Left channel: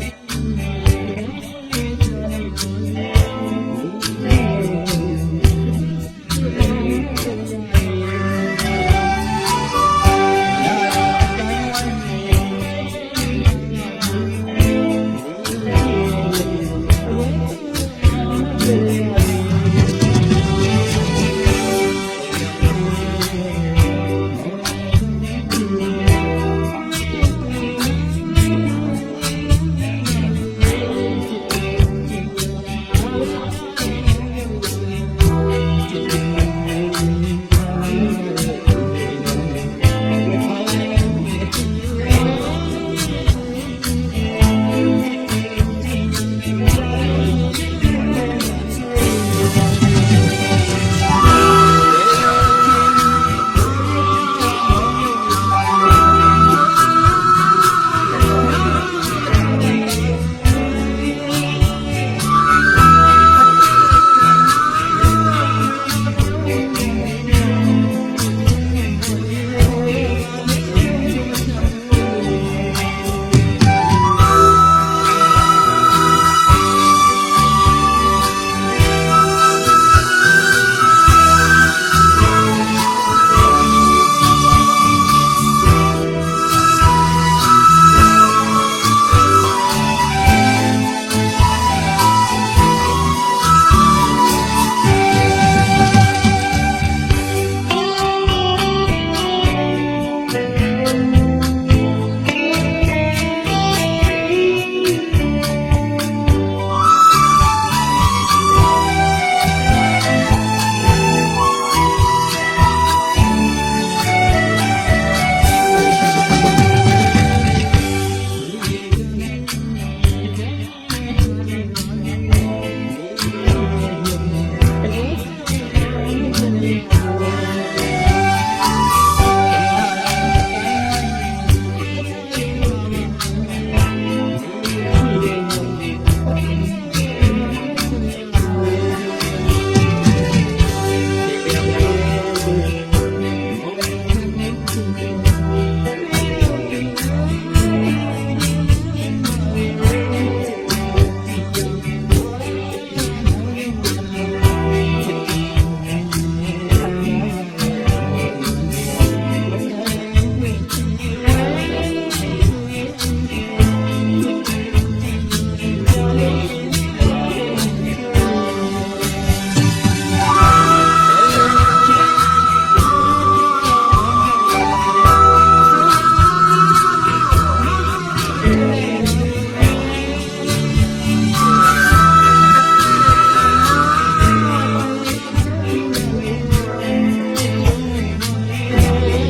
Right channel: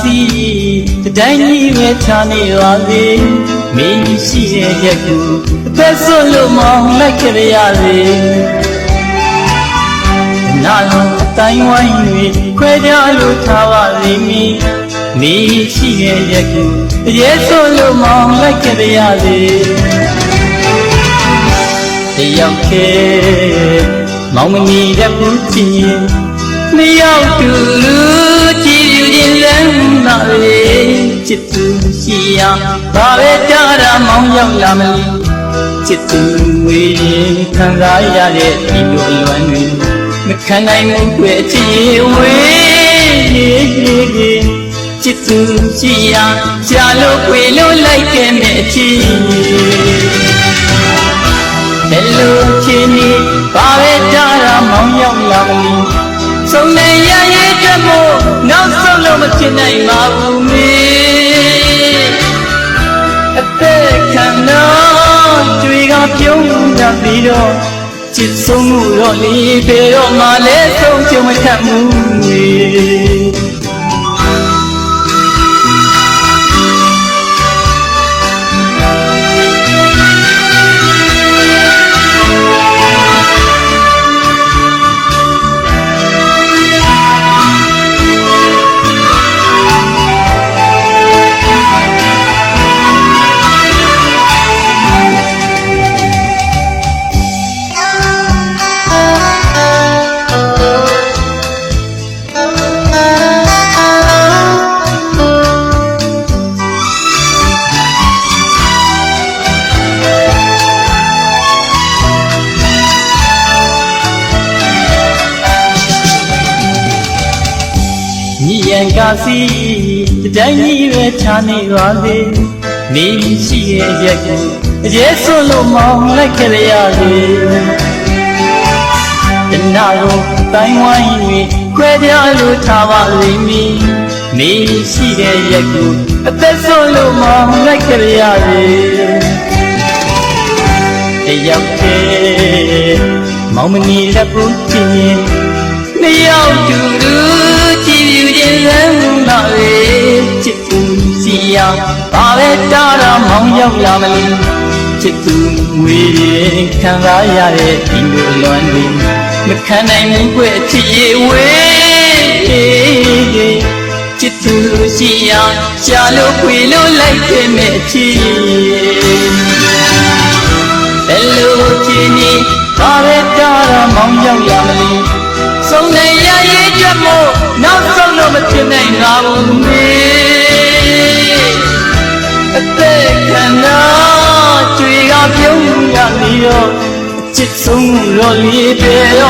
စီတတိုင်းကြီးပဲချာနေပါစေမင်းရှိရဲ့ရက်ကူအသက်ဆွလို့မောင်းလိုက်ကြရစေနာအတိုင်းဝိုင်းတွေခွဲကြလို့ထားပါလိမ့်မည်မင်းရှိရဲ့ရက်ကူအရေးဆွလို့မောင်းလိုက်ကြရစေတယောက်ခဲမောင်မနီရက်ကူချင်ရင်နှစ်ယောက်တူလူကြည်ယူခြင်းလမ်းသာလေ ချစ်သူရှိရာဘာပဲတားတာမောင်ရောက်လာမလို့ချစ်သူဝေးရင်ခံစားရတဲ့ဒီလိုအလွမ်းတွေမခံနိုင်ဘူးကွယ်ချစ်ဝေးချစ်သူရှိရာရှာလို့ခွေလို့လိုက်ခဲ့မဲ့အချ စ်ဆုံးမှုတော့လေဘယ်တော့မှလည်းဆုံးချုံမထမှု မေညီရန်ကာစီတတိုင်းကြီးပဲချာနေပါစေနေရှိရဲ့ရက်ကူအကျဲဆွလို့မောင်းလိုက်ကြရစေတနာကိုတိုင်းဝိုင်း၍ခွဲပြလို့ထားပါလိမ့်မည်နေရှိရဲ့ရက်ကူအသက်ဆွလို့မောင်းလိုက်ကြရစေတယောက်တည်းမောင်မနီလက်ပူချင်ရင်နှစ်ယောက်တူတူ ဘာပဲတားတာမောင်ရောက်လာမလို့ချစ်သူဝေးရင်ခံစားရတဲ့ဒီလိုလွမ်းတွေမခံနိုင်ဘူးကွယ်ချစ်ရဲ့ဝေးချစ်သူစီယာရှာလို့ခွေလို့လိုက်ခဲ့မဲ့ချစ်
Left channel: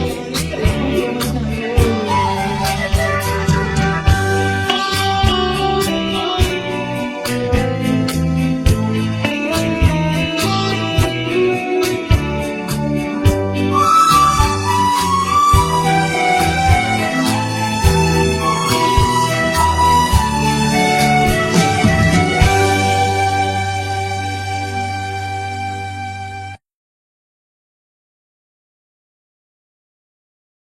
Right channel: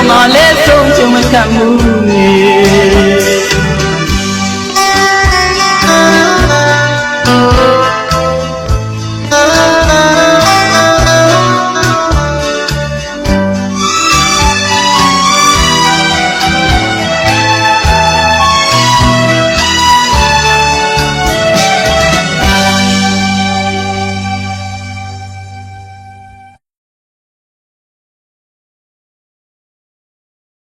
မှလဲဆုံးချုံမခံဘူး